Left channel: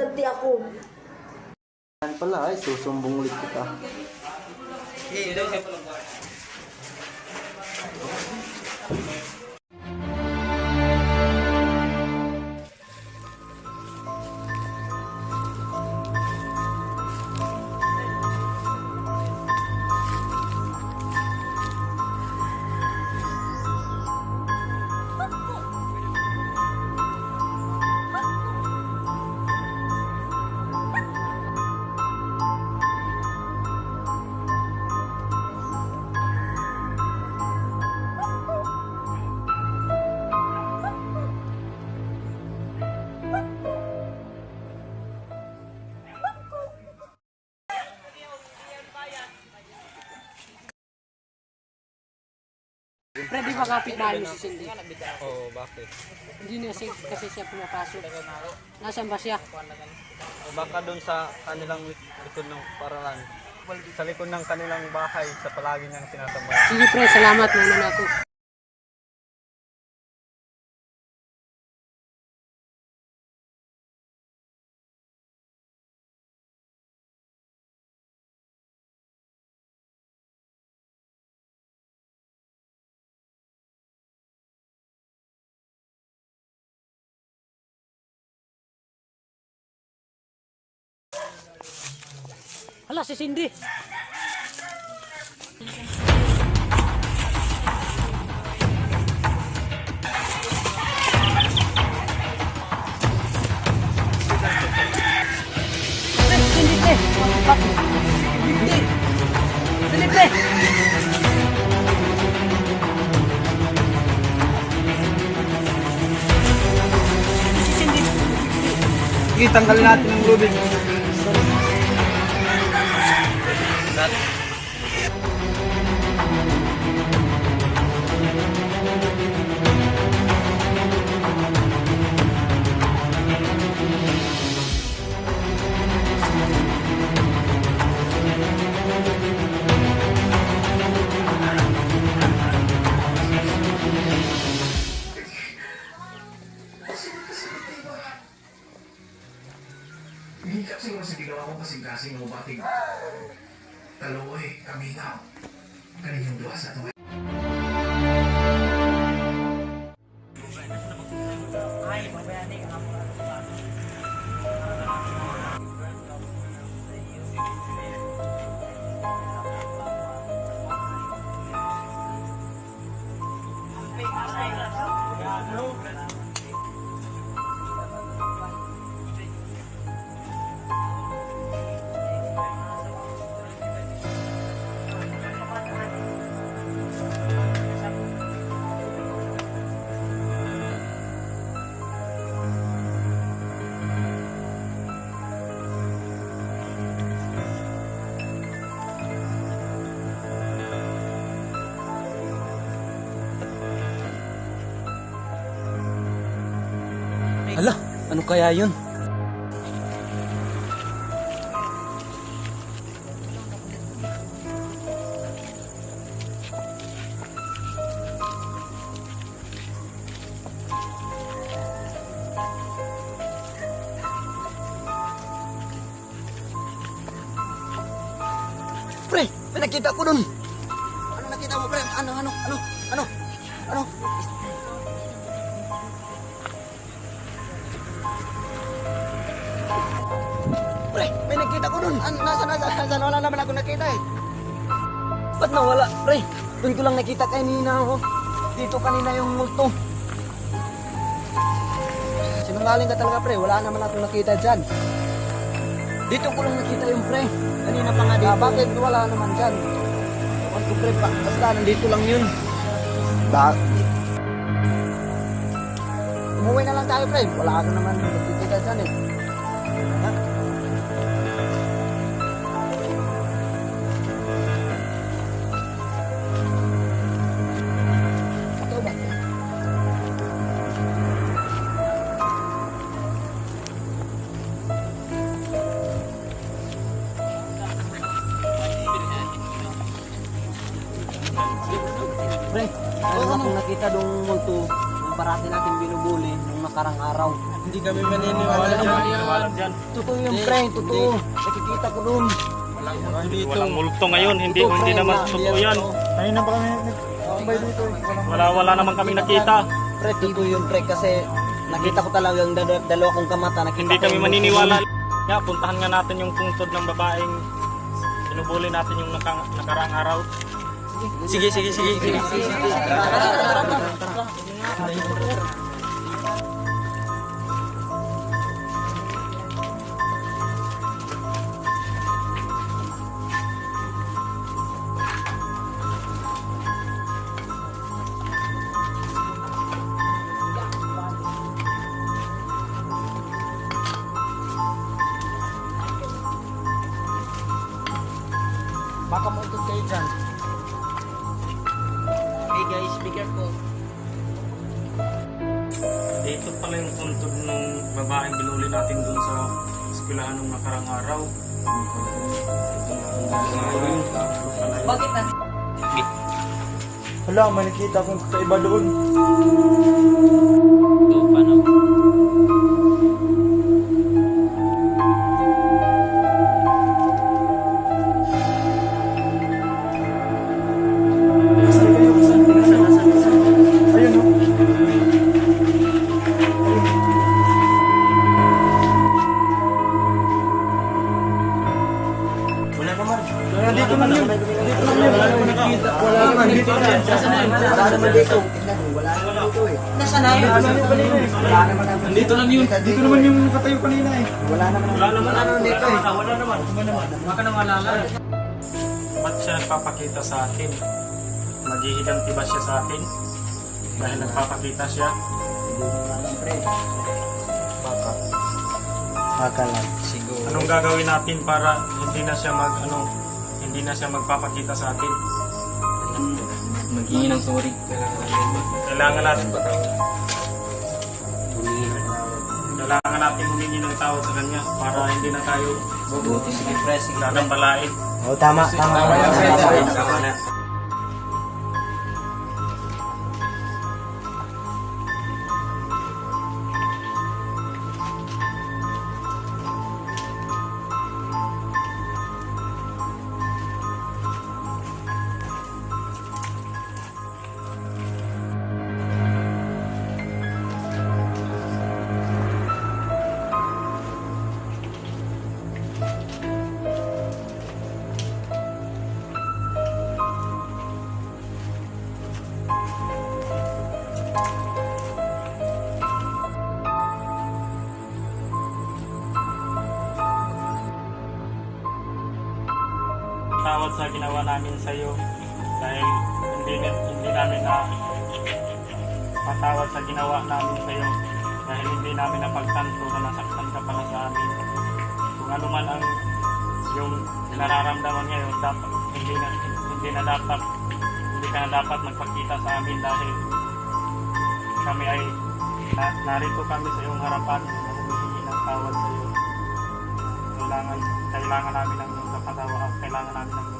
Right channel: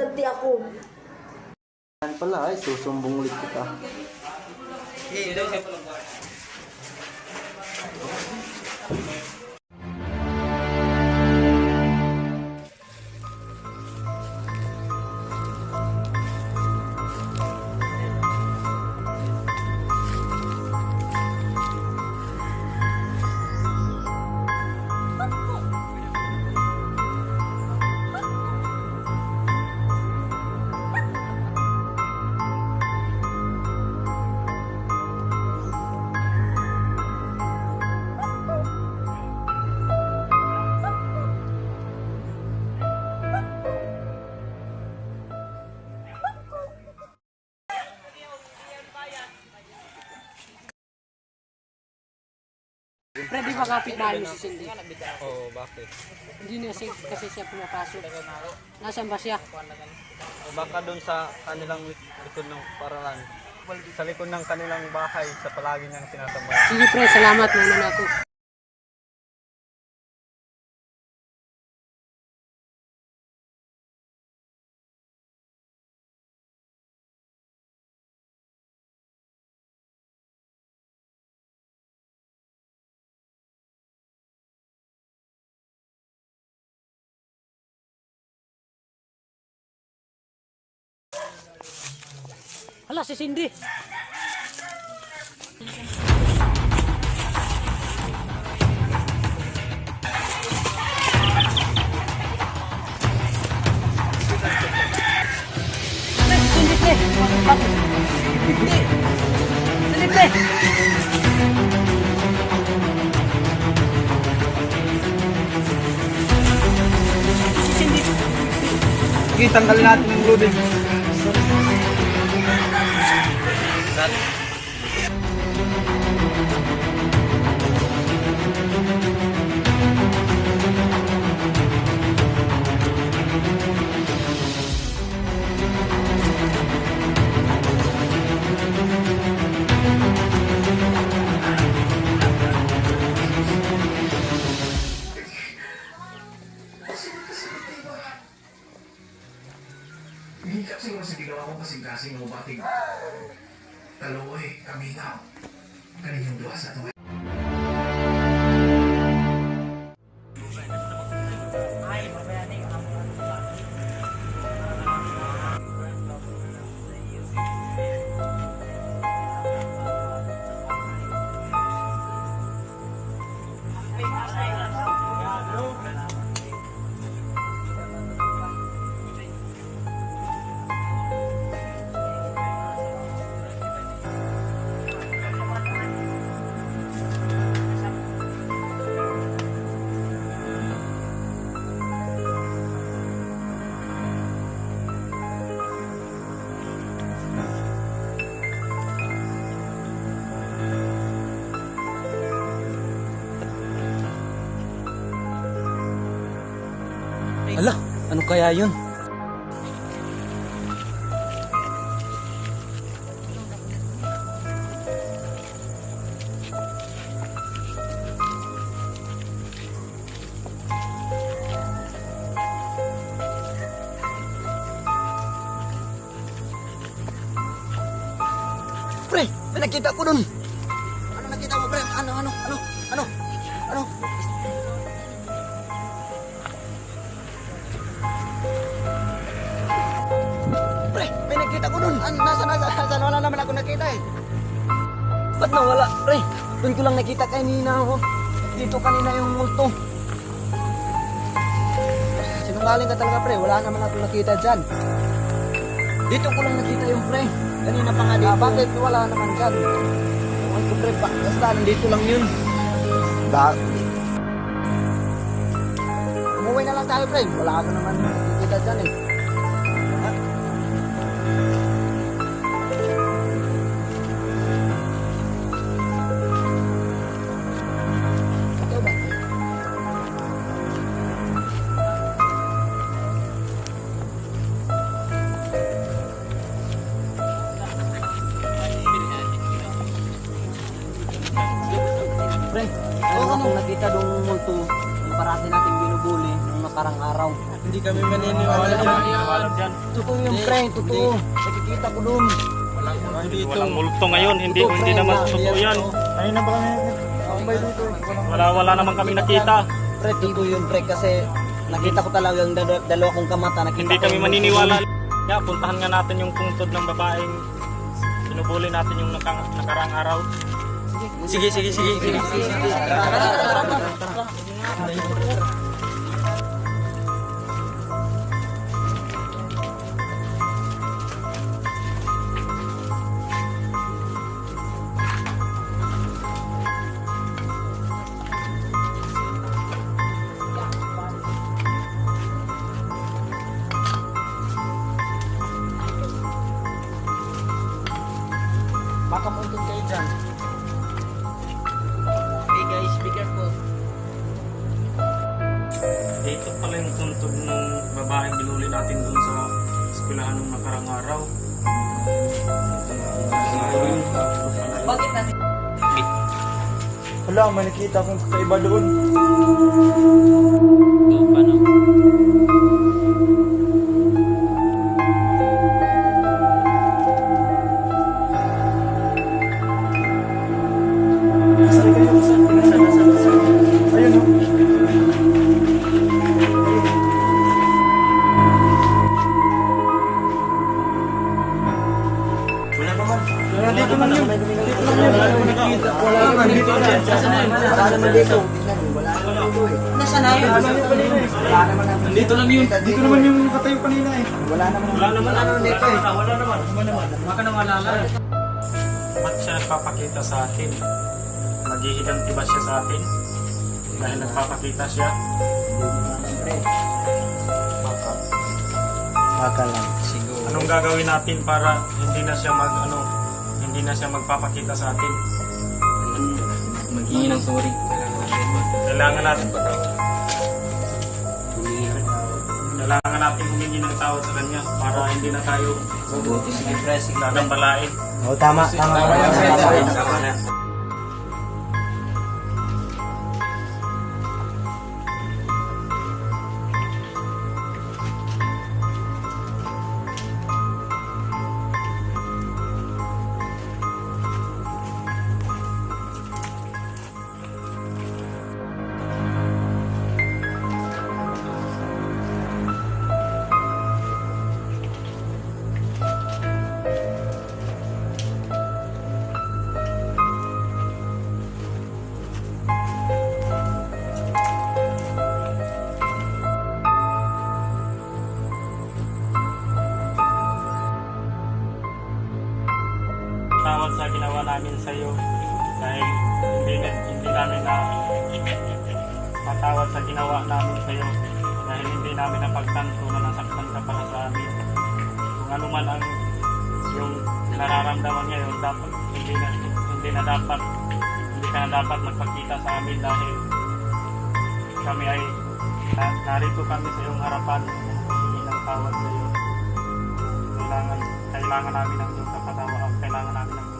ganti ako. Yan pala ay, susumbong ulit kita. Pre, di ba kapit-bahay mo si Cindy? Oo, bakit? Hindi na kasi siya pumapasok. Nasaan ba siya? Baka doon sa kanilang likod ng paralan. Sa likod ng kanilang bahay, sa palagi niyang tinatambay. Sige pre, salamat muna na ako. Hala, si Cindy. Pre, si Cindy, pre. Bakit? Hindi. Cindy, pre. Si Cindy. Sige, tanggalin natin ang lubid. Hindi kasi mo sa ginawa ko kasing-kasing mo bating taloy, kaminaw. Kaninyong duwa sa ito. Hala, ano kaya yun? Pre, may nakita ko dun. Ano nakita mo, pre? Ano? Pre, may nakita ko dun. Nasaan? Wala naman ako nakita eh. Ba't nawala, pre? Doon ko lang nakita kanina ako. Dito kanina yung multo. Sinungaling ka talaga, pre. Wala naman ako nakita dyan. Dito ko lang nakita yung pre. Kanina pa nga dito. Bakit wala naman dyan? Ewan ko, pre. Basta nandito lang yun. Umuwi na lang tayo, pre. Wala ka naman nakikita dyan eh. Ano nga? Ikaw ba, pre? Pre, ano akong nakita dong multo ng parati natin binubuli nung nakarang araw. Hindi kami maniniwala dyan. Totoo yung pre, totoo. Nakikita ko dun. Walang multo ngayon, hindi naman totoo yan. Kanina pa kami nagkambay dito. Wala naman kami nakita. Pre, totoo yun pre kasi nakita ko talaga yung dalawa kong kamata. Nakita Hindi ko kami yung maniniwala. Nga, puntahan nga natin yung pungtod ng babaeng sinubuli natin yung nakaraang araw. Sige. Baka mo itong kayo dyan. Hey guys, be careful. Ito pala yung puntod ng babaeng binuli natin doon sa eskwelahan nung nakarang araw. Bakit natin? Hala, may nakita akong kakaiba doon. Ito, paano? Saan kayo? Saan? Ayun o. Wala naman. Dito lang yun. Dito lang yun. Wala naman nakita. Wala naman dito. Wala naman dito. Tingnan mo, wala naman dito eh. Nasaan na yun? Wala naman naman. Dito lang yun. Dito naman yung nakatayo kanina eh. Wala naman dito eh. Wala naman. Baka nang alala. Ba't siya nagpapakita sa atin? Maghihiganti ba siya sa atin? Dahil nagpapakita siya? Hindi mo naman pre. Baka. Baka lang. Anong gagawin natin para hindi na siya magpapakita sa atin? Maghingi ng sorry. Kailangan natin humingi ng tawad sa kanya para hindi na tayo Mabuti, sige pre, sige pre. gagambalain. Oh, tama. Tama na. Tawad sa ginawa namin sa iyo dahil hindi namin na patawad sa ginawa namin sa iyo dahil hindi namin napagtanto na nasaktan ka para sa amin. Kung ano man ang yung nararamdaman ngayon, dapat hindi ka na dapat magpakita sa amin dahil kami ay narito kami sa iyong harapan na humihingi ng tawad sa iyo. Kailangan namin ng iyong kapatawa, kailangan namin ng iyong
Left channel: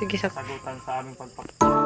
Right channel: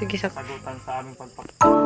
sagutan sa aming pagpapakita.